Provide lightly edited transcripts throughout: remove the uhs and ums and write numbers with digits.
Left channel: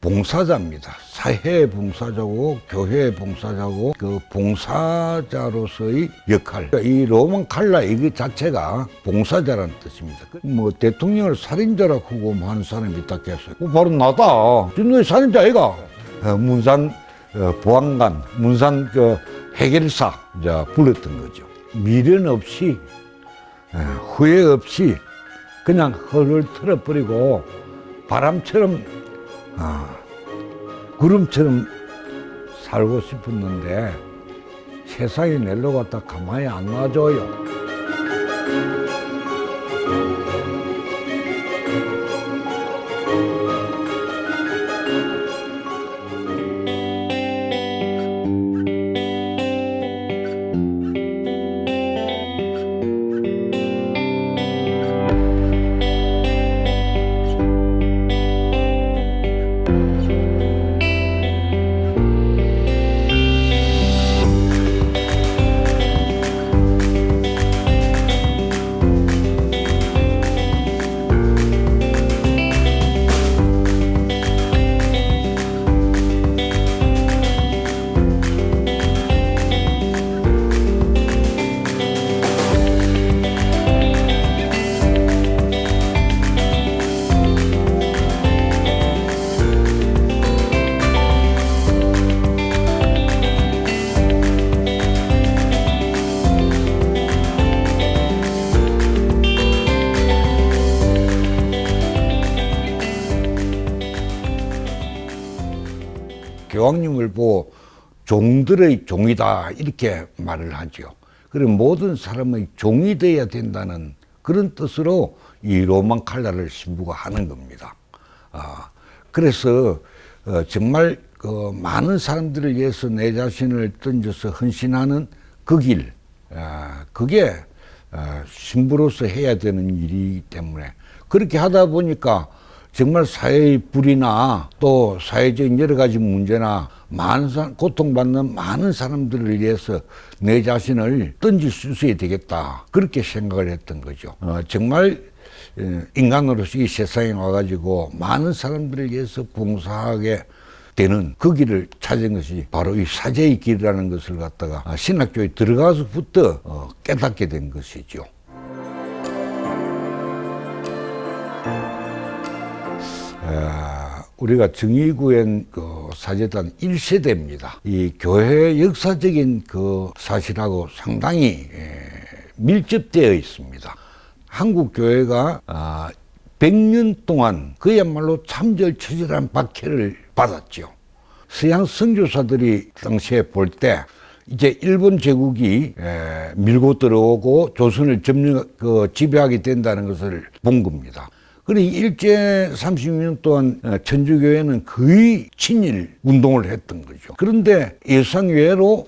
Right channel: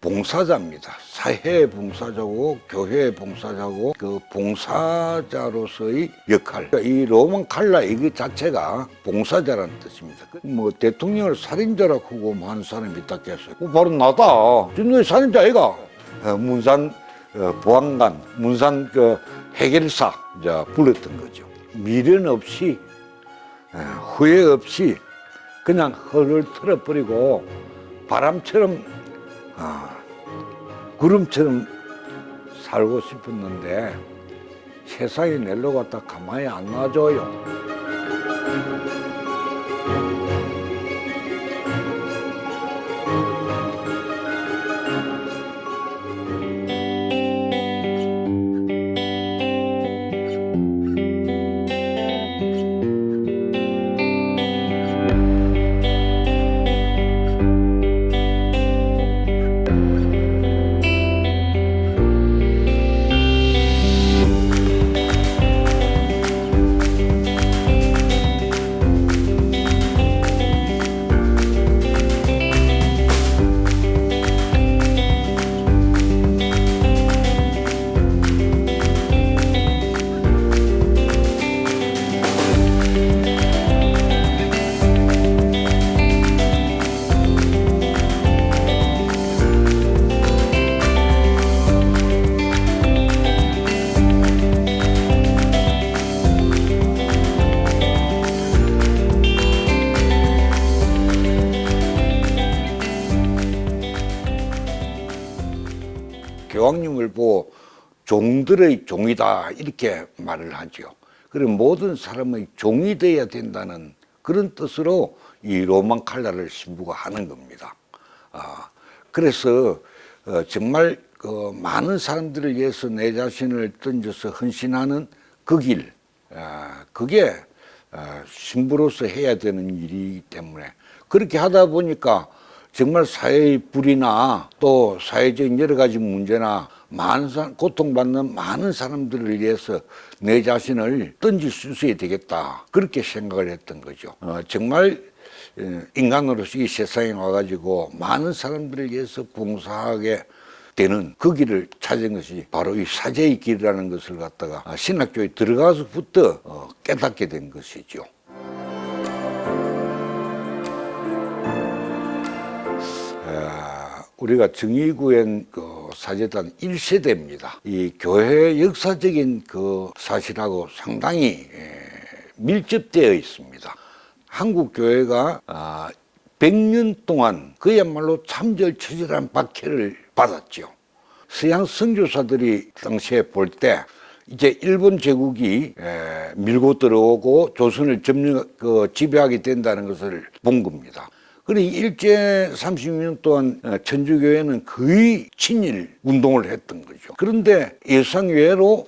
봉사자입니다. 사회 봉사자고 교회 봉사자고 그 봉사자로서의 역할. 이 로만 칼라 이거 자체가 봉사자라는 뜻입니다. 뭐 대통령을 살인자라고 하는 사람이 있다 했어요. 바로 나다. 너희 살인자 아이가? 문산 보안관, 문산 그 해결사 불렀던 거죠. 미련 없이 후회 없이 그냥 헐을 틀어버리고 바람처럼 구름처럼 살고 싶었는데 세상에 낼로 갖다 가만히 안 놔줘요. 교황님을 보고 종들의 종이다 이렇게 말을 하죠. 그리고 모든 사람의 종이 되어야 된다는 그런 뜻으로 이 로만 칼라를 신부가 하는 겁니다. 그래서 정말 그 많은 사람들을 위해서 내 자신을 던져서 헌신하는 그 길, 그게 신부로서 해야 되는 일이기 때문에 그렇게 하다 보니까 정말 사회의 불이나 또 사회적인 여러 가지 문제나 고통받는 많은 사람들을 위해서 내 자신을 던질 수 있어야 되겠다. 그렇게 생각을 했던 거죠. 정말 인간으로서 이 세상에 와가지고 많은 사람들을 위해서 봉사하게 되는 그 길을 찾은 것이 바로 이 사제의 길이라는 것을 갖다가 신학교에 들어가서부터 깨닫게 된 것이죠. 우리가 정의구현 그 사제단 1세대입니다. 이 교회 역사적인 그 사실하고 상당히 밀접되어 있습니다. 한국 교회가 100년 동안 그야말로 참절처절한 박해를 받았죠. 서양 선교사들이 당시에 볼 때 이제 일본 제국이 밀고 들어오고 조선을 지배하게 된다는 것을 본 겁니다. 그리고 일제 30년 동안 천주교회는 거의 친일 운동을 했던 거죠. 그런데 예상외로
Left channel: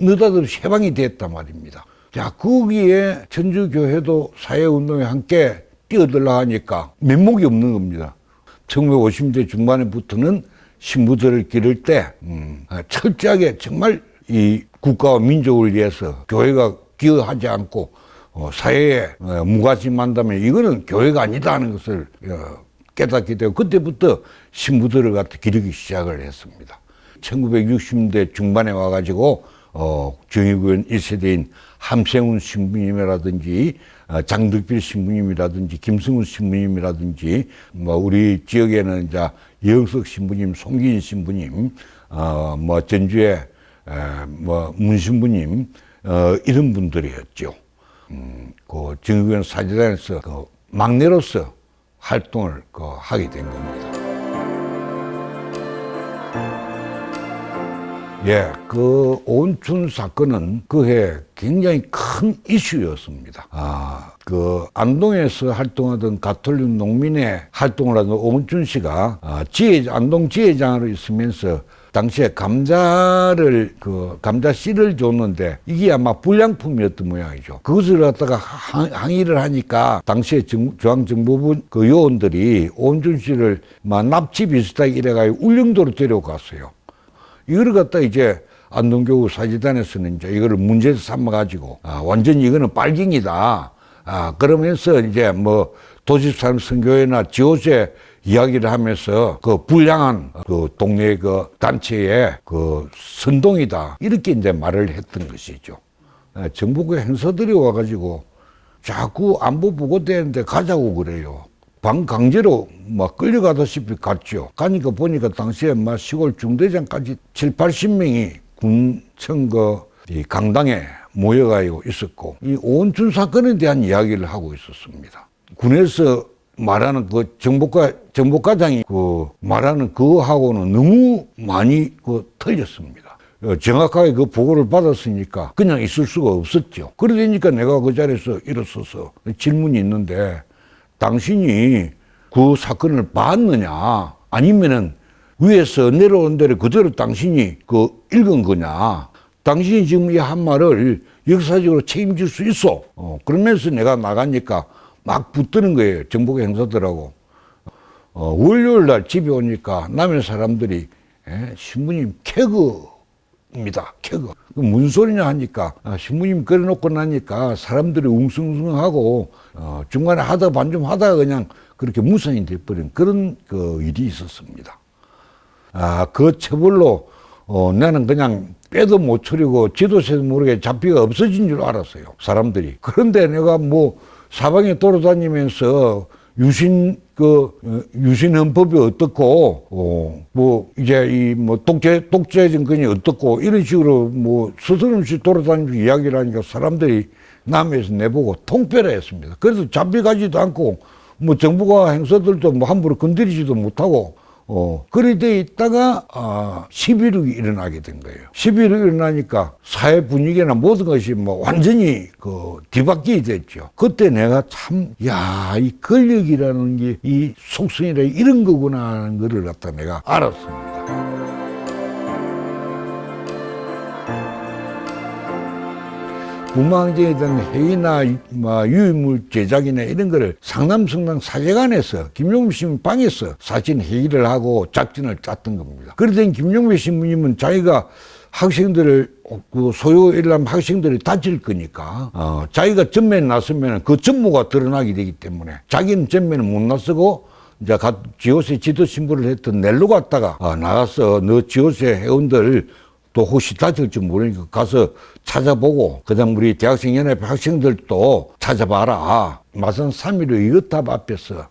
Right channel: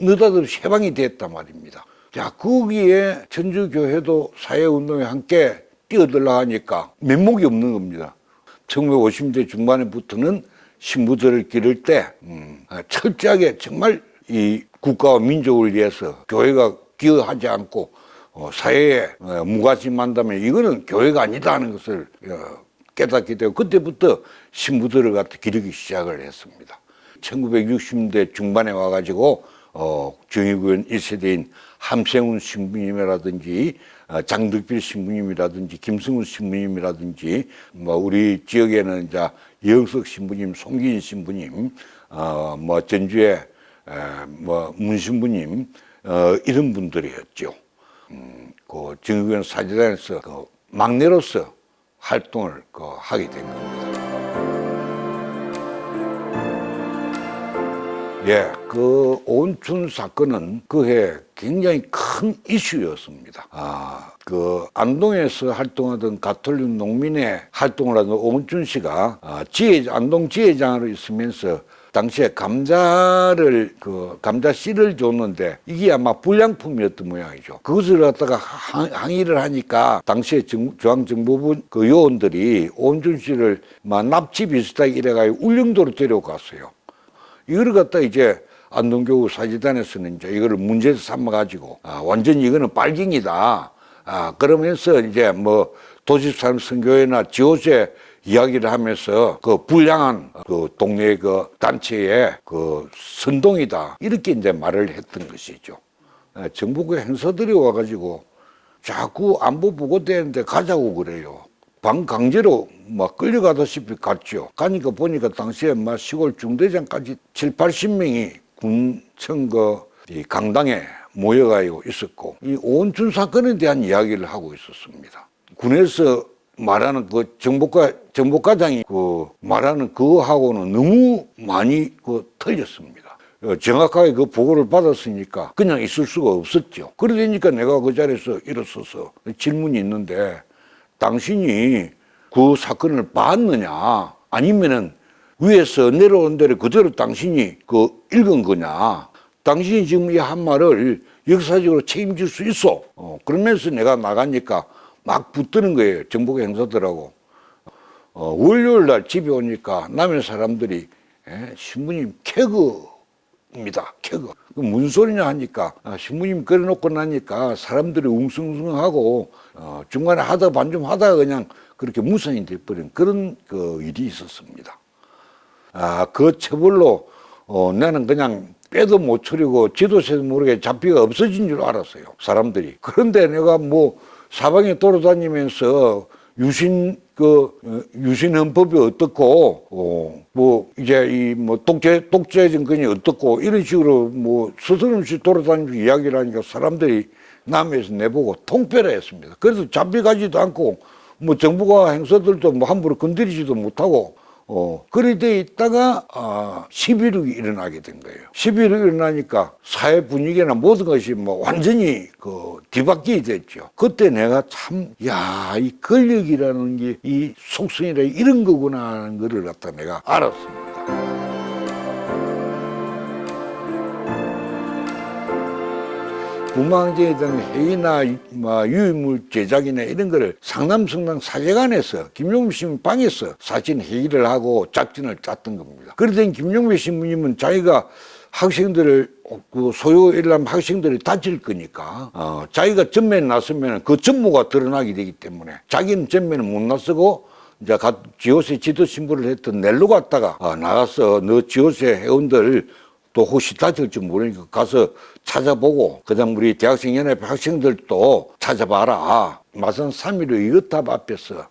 느닷없이 해방이 됐단 말입니다. 자, 거기에 천주교회도 사회운동에 함께 뛰어들라 하니까 면목이 없는 겁니다. 1950년대 중반에부터는 신부들을 기를 때 철저하게 정말 이 국가와 민족을 위해서 교회가 기여하지 않고 사회에 무관심한다면 이거는 교회가 아니다 하는 것을 깨닫게 되고 그때부터 신부들을 갖다 기르기 시작을 했습니다. 1960년대 중반에 와가지고 정의구현 1세대인 함생훈 신부님이라든지 장덕필 신부님이라든지 김승훈 신부님이라든지 우리 지역에는 이제 여영석 신부님, 송기인 신부님, 전주에 문 신부님 이런 분들이었죠. 그 정의구현 사제단에서 그 막내로서 활동을 하게 된 겁니다. 그 오은춘 사건은 그해 굉장히 큰 이슈였습니다. 그 안동에서 활동하던 가톨릭 농민의 활동을 하던 오은춘 씨가 안동 지회장으로 있으면서 당시에 감자 씨를 줬는데 이게 아마 불량품이었던 모양이죠. 그것을 갖다가 항의를 하니까 당시에 중앙정보부 그 요원들이 오은춘 씨를 납치 비슷하게 이래가지고 울릉도로 데려갔어요. 이걸 갖다 이제 안동교구 사제단에서는 이제 이거를 문제 삼아가지고 완전히 이거는 빨갱이다. 그러면서 이제 도지사람 선교회나 지호제 이야기를 하면서 그 불량한 그 동네 그 단체의 그 선동이다. 이렇게 이제 말을 했던 것이죠. 정부의 행사들이 와가지고 자꾸 안보 보고되는데 가자고 그래요. 반강제로 막 끌려가다시피 갔죠. 가니까 보니까 당시에 막 시골 중대장까지 7, 80명이 군청 이 강당에 모여가지고 있었고, 이 오은춘 사건에 대한 이야기를 하고 있었습니다. 군에서 말하는 그 정보과장이 그 말하는 그거하고는 너무 많이 그 틀렸습니다. 정확하게 그 보고를 받았으니까 그냥 있을 수가 없었죠. 그러니까 내가 그 자리에서 일어서서 질문이 있는데, 당신이 그 사건을 봤느냐, 아니면은 위에서 내려온 대로 그대로 당신이 그 읽은 거냐, 당신이 지금 이 한 말을 역사적으로 책임질 수 있어. 그러면서 내가 나가니까 막 붙드는 거예요, 정보계 행사들하고. 월요일 날 집에 오니까 남의 사람들이 신부님 개그입니다, 개그. 무슨 소리냐 하니까 신부님 걸어놓고 나니까 사람들이 웅성웅성하고 중간에 하다 반 좀 하다가 그냥 그렇게 무산이 돼버린 그런 그 일이 있었습니다. 그 처벌로 나는 그냥 빼도 못 추리고 지도세도 모르게 잡히가 없어진 줄 알았어요, 사람들이. 그런데 내가 뭐 사방에 돌아다니면서 유신헌법이 어떻고, 뭐, 이제 이 뭐 독재 정권이 어떻고, 이런 식으로 뭐 스스럼없이 돌아다니면서 이야기를 하니까 사람들이 남에서 내보고 통폐를 했습니다. 그래서 잡혀가지도 않고, 뭐 정부가 행사들도 뭐 함부로 건드리지도 못하고, 그리 돼 있다가 11.6이 일어나게 된 거예요. 11.6이 일어나니까 사회 분위기나 모든 것이 뭐 완전히 그 뒤바뀌게 됐죠. 그때 내가 참, 이 권력이라는 게 이 속성이라 이런 거구나 하는 거를 갖다 내가 알았습니다. 문망제에 대한 회의나 유인물 제작이나 이런 거를 상남성당 사제관에서 김용배 신부님 방에서 사진 회의를 하고 작전을 짰던 겁니다. 그러더니 김용배 신부님은 자기가 학생들을 그 소요일하면 학생들이 다칠 거니까 자기가 전면에 나서면 그 전모가 드러나게 되기 때문에 자기는 전면에 못 나서고 이제 지호세 지도 신부를 했던 넬로 갔다가 나가서 너 지호세 회원들 또 혹시 다칠지 모르니까 가서 찾아보고, 그 다음 우리 대학생연합회 학생들도 찾아봐라. 마산 3.15 이것탑 앞에서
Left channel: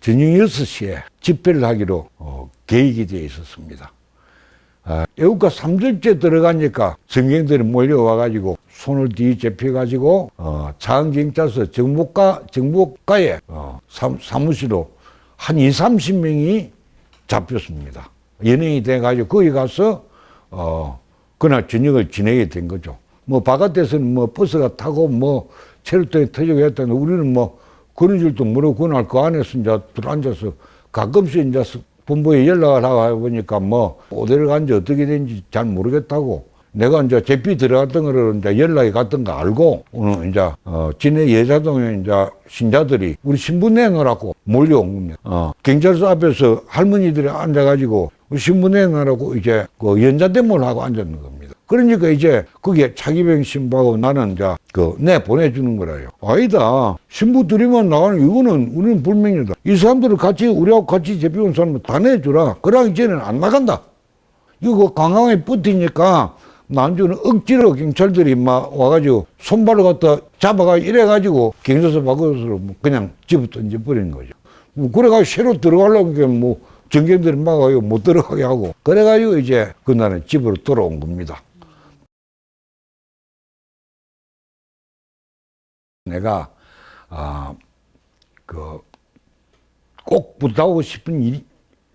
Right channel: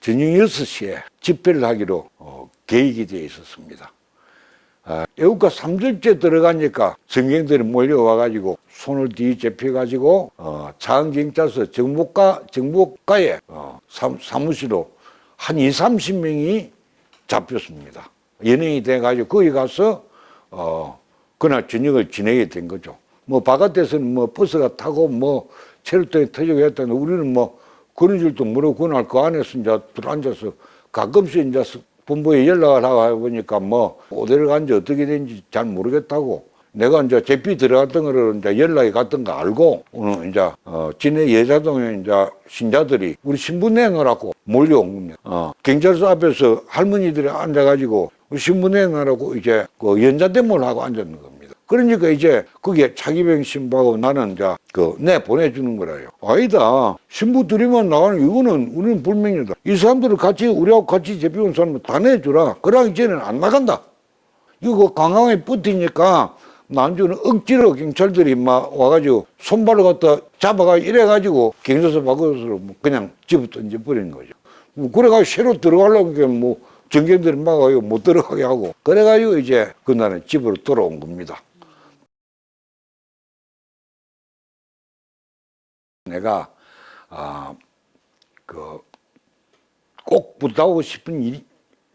저녁 6시에 집회를 하기로 계획이 되어 있었습니다. 애국가 3절째 들어가니까 전경들이 몰려와가지고 손을 뒤집혀가지고 자은경찰서 정보과에 사무실로 한 20, 30명이 잡혔습니다. 연예인이 돼가지고 거기 가서 그날 저녁을 지내게 된 거죠. 뭐 바깥에서는 뭐 버스가 타고 뭐 체류통이 터지고 했다는데 우리는 뭐 그런 줄도 모르고 그날 그 안에서 이제 들어앉아서 가끔씩 이제 본부에 연락을 하고 보니까 뭐 어디를 간지 어떻게 된지 잘 모르겠다고. 내가 이제 제피 들어갔던 거를 이제 연락이 갔던 거 알고 오늘 이제 진해 예자동에 이제 신자들이 우리 신부 내놓으라고 몰려온 겁니다. 경찰서 앞에서 할머니들이 앉아가지고 신부 내놓으라고 이제 그 연좌대모를 하고 앉았는 겁니다. 그러니까 이제 거기에 차기병 신부하고 나는 이제 내 보내주는 거라요. 아니다. 신부 들이면 나가는 이거는 우리는 불명이다. 이 사람들을 같이 우리하고 같이 제피 온 사람을 다 내주라. 그러기 전에는 안 나간다. 이거 강강에 붙으니까 난주는 억지로 경찰들이 막 와가지고 손발을 갖다 잡아가 이래가지고 경찰서 밖으로 그냥 집어 던져버리는 거죠. 그래가지고 새로 들어가려고 하니까 뭐 전경들이 막아요 못 들어가게 하고 그래가지고 이제 그날은 집으로 돌아온 겁니다. 내가 꼭 부탁하고 싶은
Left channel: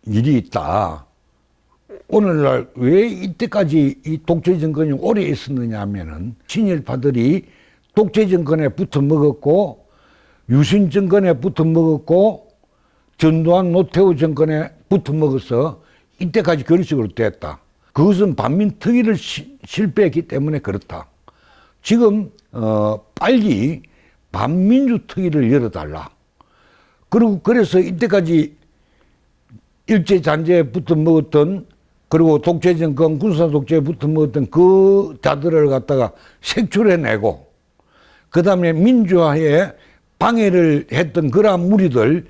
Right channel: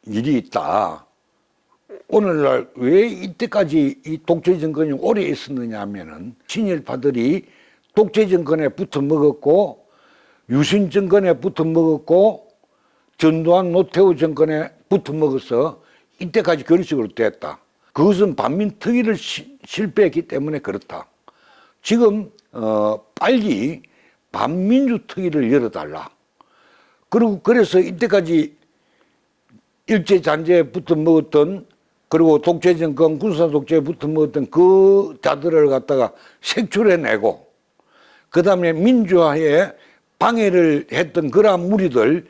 일이 있다. 오늘날 왜 이때까지 이 독재 정권이 오래 있었느냐 하면은 친일파들이 독재 정권에 붙어 먹었고 유신 정권에 붙어 먹었고 전두환 노태우 정권에 붙어 먹어서 이때까지 그런 식으로 됐다. 그것은 반민특위를 실패했기 때문에 그렇다. 지금 빨리 반민주특위를 열어달라. 그리고 그래서 이때까지 일제잔재에 붙어 먹었던 그리고 독재정권, 군사독재에 붙어 먹었던 그 자들을 갖다가 색출해내고 그 다음에 민주화에 방해를 했던 그러한 무리들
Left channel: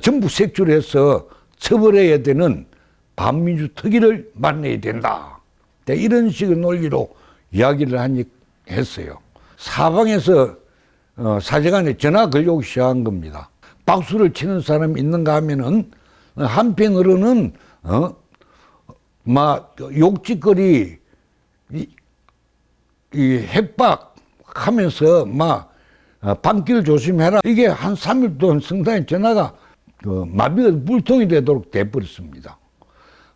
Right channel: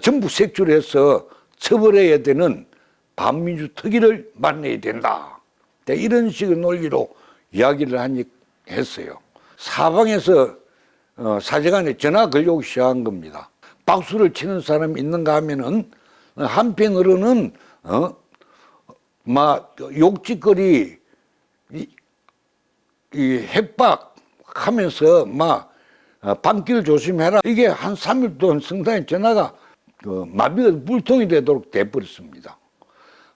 전부 색출해서 처벌해야 되는 반민주 특위를 만나야 된다. 이런 식의 논리로 이야기를 했어요. 사방에서 사제간에 전화 걸려오기 시작한 겁니다. 박수를 치는 사람이 있는가 하면은 한편으로는 욕짓거리 이 협박하면서 밤길 조심해라. 이게 한 3일 동안 성당에 전화가 마비가 물통이 되도록 돼버렸습니다.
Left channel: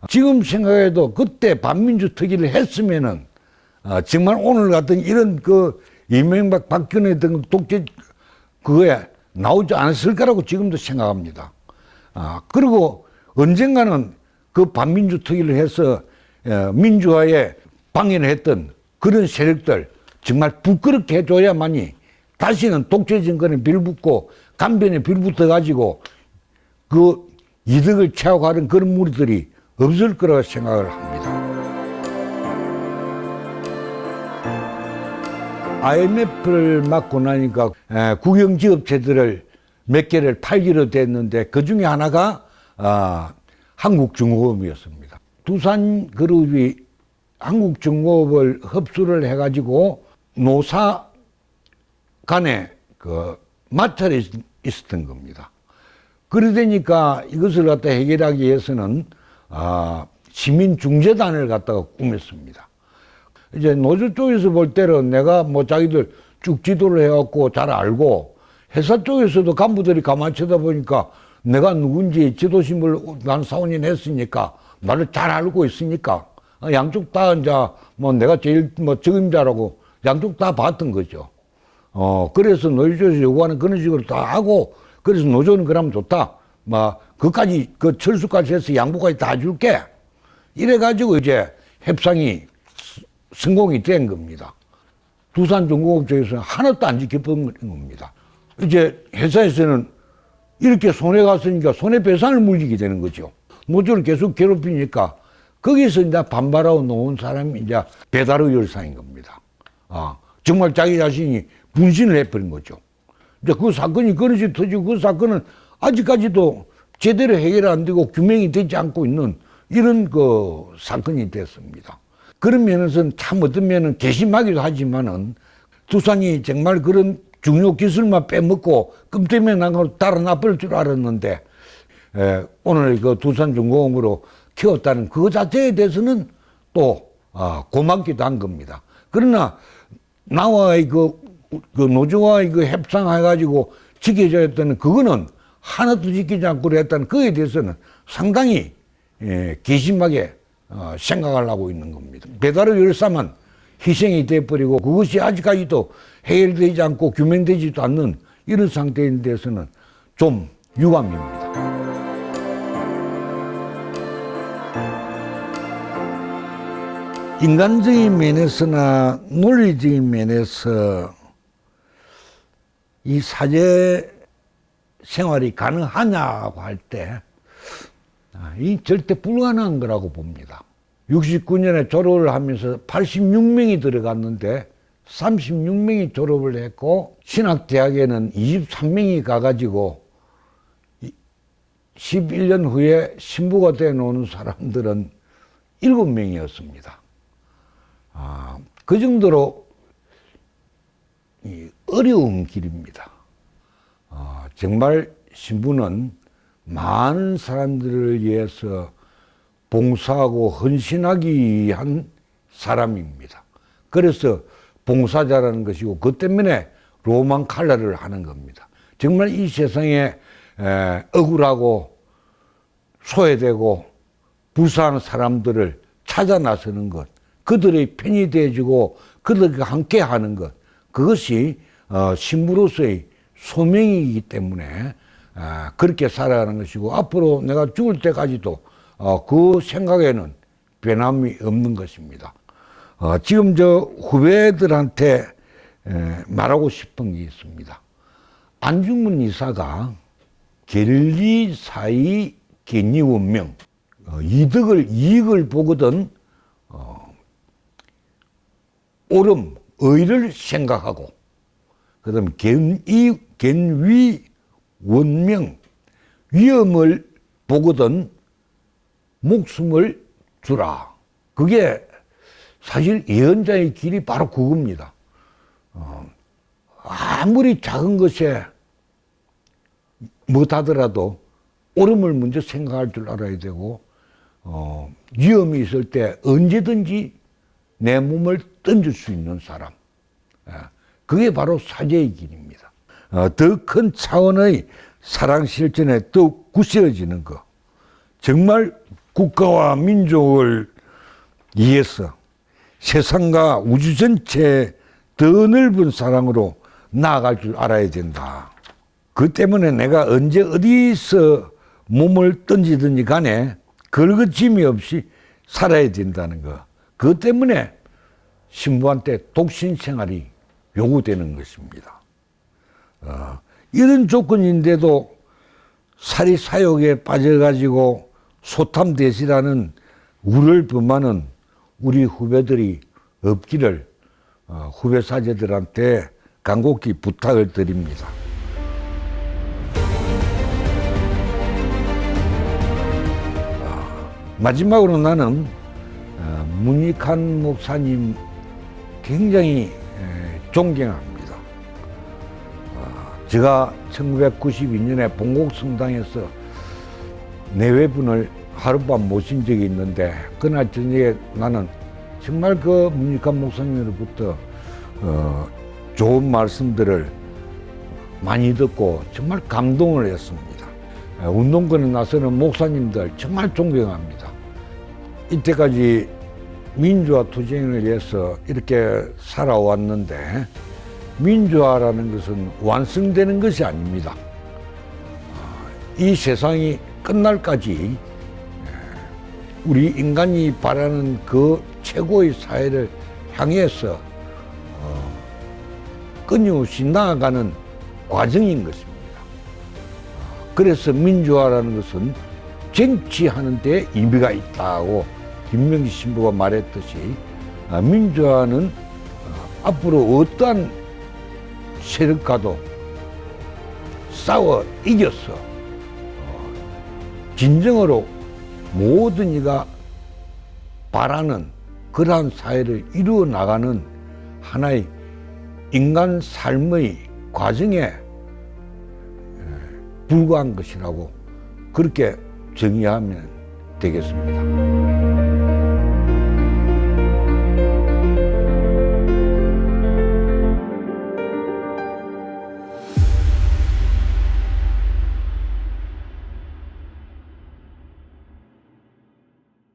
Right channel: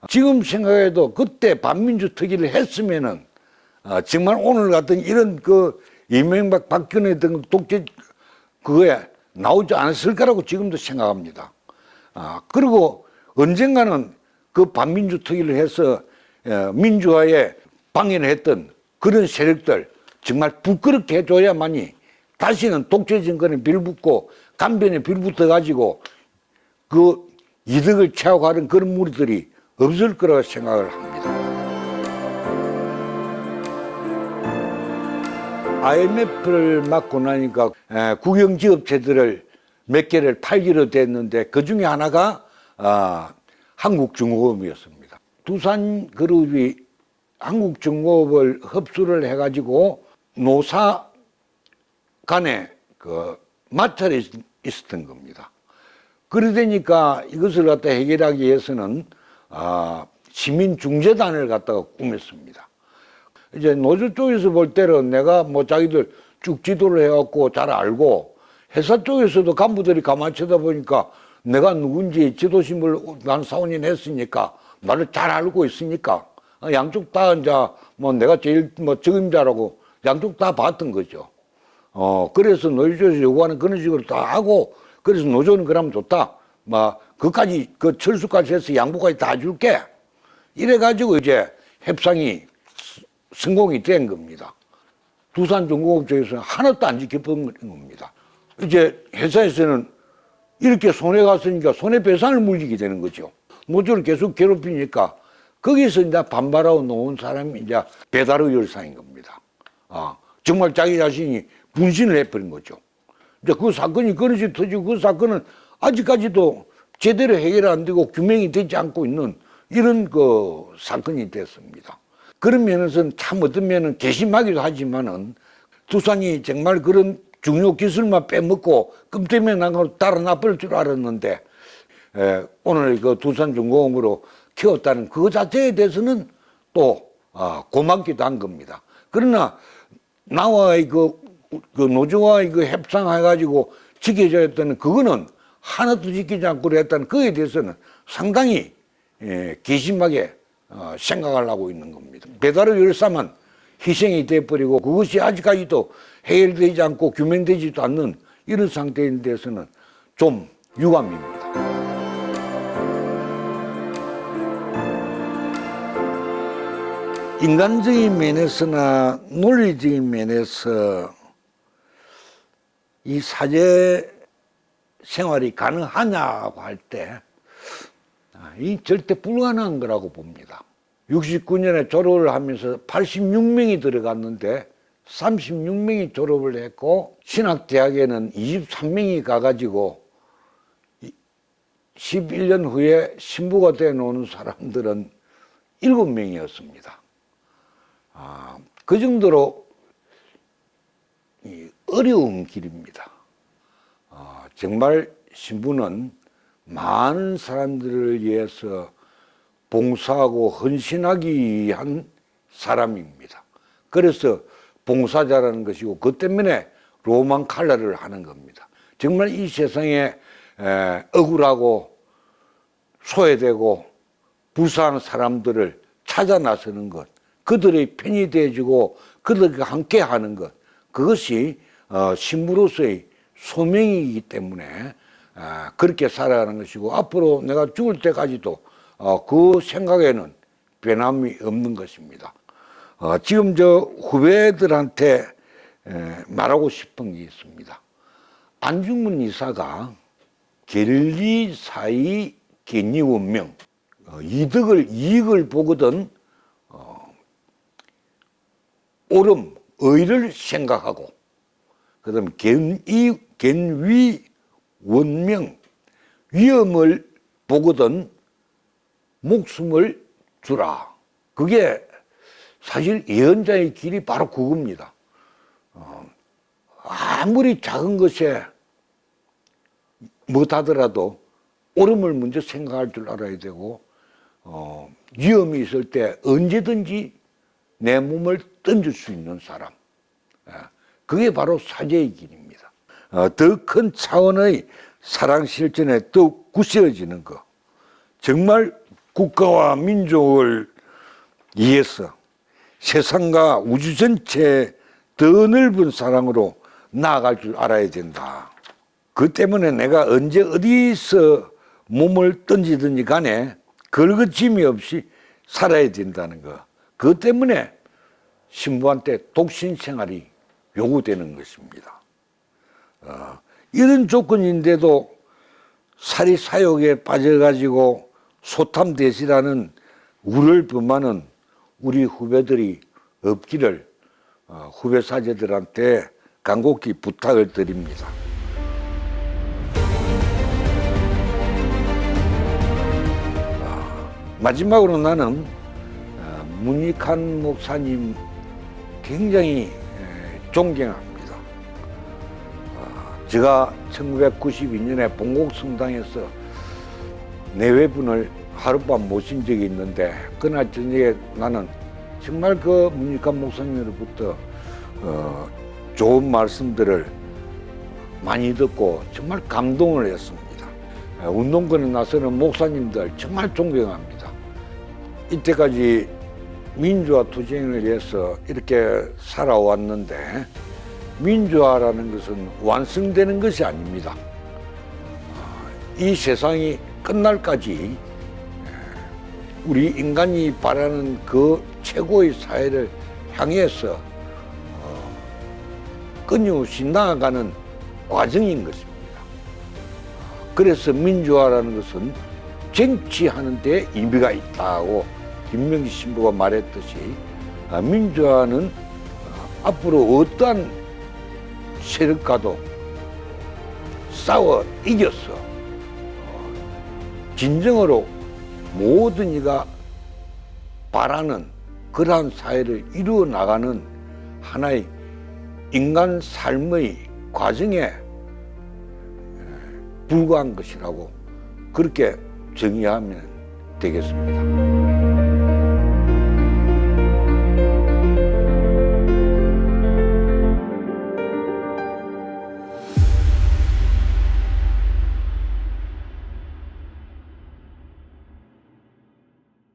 지금 생각해도 그때 반민주 특위를 했으면은 정말 오늘 같은 이런 이명박 박근혜 등 독재 그거에 나오지 않았을 거라고 지금도 생각합니다. 그리고 언젠가는 그 반민주 특위를 해서 민주화에 방해를 했던 그런 세력들 정말 부끄럽게 해줘야만이 다시는 독재 정권에 빌붙고 간변에 빌붙어 가지고 그 이득을 취하고하는 그런 무리들이 없을 거라고 생각을 합니다. IMF를 맞고 나니까 국영지업체들을 몇 개를 팔기로 됐는데 그 중에 하나가 한국중공업이었습니다. 두산그룹이 한국중공업을 흡수를 해가지고 노사 간에 마찰이 있었던 겁니다. 그러다니까 이것을 갖다 해결하기 위해서는 시민중재단을 갖다가 꾸몄습니다. 이제 노조 쪽에서 볼 때는 내가 자기들 쭉 지도를 해갖고 잘 알고 회사 쪽에서도 간부들이 가만히 쳐다보니까 내가 누군지 지도심을 난 4, 5년 했으니까 나를 잘 알고 있으니까 양쪽 다 이제 내가 제일 적임자라고 양쪽 다 봤던 거죠. 그래서 노조에서 요구하는 그런 식으로 다 하고 그래서 노조는 그러면 좋다. 그까지 철수까지 해서 양보까지 다 줄게. 이래가지고 이제 협상이 성공이 된 겁니다. 두산중공업 쪽에서는 하나도 안 지켜본 겁니다. 이제 회사에서는 이렇게 손해 갔으니까 손해배상을 물리게 되는 거죠. 노조를 계속 괴롭히니까 거기서 이제 반발하고 놓은 사람이 이제 배달의 열사인 겁니다. 정말 자기 자신이 분신을 해버린 거죠. 이제 그 사건이 그릇이 터지고 그 사건은 아직까지도 제대로 해결 안 되고 규명이 되지 않고 있는 이런 사건이 됐습니다. 그런 면에서는 참 어떤 면은 괘씸하기도 하지만은 두산이 정말 그런 중요 기술만 빼먹고 끔 때문에 나가고 달아나버릴 줄 알았는데 오늘 두산중공업으로 키웠다는 그거 자체에 대해서는 또 고맙기도 한 겁니다. 그러나 나와의 노조와의 협상해가지고 지켜줘야 했다는 그거는 하나도 지키지 않고 그랬다는 그에 대해서는 상당히 괘씸하게 생각을 하고 있는 겁니다. 배달의 열사만 희생이 돼버리고 그것이 아직까지도 해결되지 않고 규명되지도 않는 이런 상태인 데서는 좀 유감입니다. 인간적인 면에서나 논리적인 면에서 이 사제 생활이 가능하냐고 할 때 이 절대 불가능한 거라고 봅니다. 69년에 졸업을 하면서 86명이 들어갔는데 36명이 졸업을 했고 신학대학에는 23명이 가가지고 11년 후에 신부가 돼 놓은 사람들은 7명이었습니다. 그 정도로 어려운 길입니다. 정말 신부는 많은 사람들을 위해서 봉사하고 헌신하기 위한 사람입니다. 그래서 봉사자라는 것이고 그 때문에 로만 칼라를 하는 겁니다. 정말 이 세상에 억울하고 소외되고 불쌍한 사람들을 찾아 나서는 것, 그들의 편이 돼주고 그들과 함께 하는 것, 그것이 신부로서의 소명이기 때문에 그렇게 살아가는 것이고 앞으로 내가 죽을 때까지도 그 생각에는 변함이 없는 것입니다. 지금 후배들한테 말하고 싶은 게 있습니다. 안중근 이사가 계리, 사의, 계리, 원명, 이익을 보거든 옳음, 의를 생각하고 그다음 견위, 원명, 위험을 보거든 목숨을 주라. 그게 사실 예언자의 길이 바로 그겁니다. 아무리 작은 것에 못하더라도 옳음을 먼저 생각할 줄 알아야 되고, 위험이 있을 때 언제든지 내 몸을 던질 수 있는 사람. 그게 바로 사제의 길입니다. 더 큰 차원의 사랑 실천에 더욱 굳세어지는 것. 정말 국가와 민족을 위해서 세상과 우주 전체에 더 넓은 사랑으로 나아갈 줄 알아야 된다. 그 때문에 내가 언제 어디서 몸을 던지든지 간에 걸거짐이 없이 살아야 된다는 거. 그것 때문에 신부한테 독신 생활이 요구되는 것입니다. 이런 조건인데도 사리 사욕에 빠져가지고 소탐대시라는 우를 범하는 우리 후배들이 없기를 후배 사제들한테 간곡히 부탁을 드립니다. 마지막으로 나는 문익환 목사님 굉장히 존경합니다. 제가 1992년에 봉곡성당에서 내외분을 하룻밤 모신 적이 있는데, 그날 저녁에 나는 정말 그 문익환 목사님으로부터 좋은 말씀들을 많이 듣고 정말 감동을 했습니다. 운동권에 나서는 목사님들 정말 존경합니다. 이때까지 민주화 투쟁을 위해서 이렇게 살아왔는데, 민주화라는 것은 완성되는 것이 아닙니다. 이 세상이 끝날까지 우리 인간이 바라는 그 최고의 사회를 향해서 끊임없이 나아가는 과정인 것입니다. 그래서 민주화라는 것은 쟁취하는 데 의미가 있다고 김명기 신부가 말했듯이, 민주화는 앞으로 어떠한 세력과도 싸워 이겨서 진정으로 모든 이가 바라는 그러한 사회를 이루어 나가는 하나의 인간 삶의 과정에 불과한 것이라고 그렇게 정의하면 되겠습니다.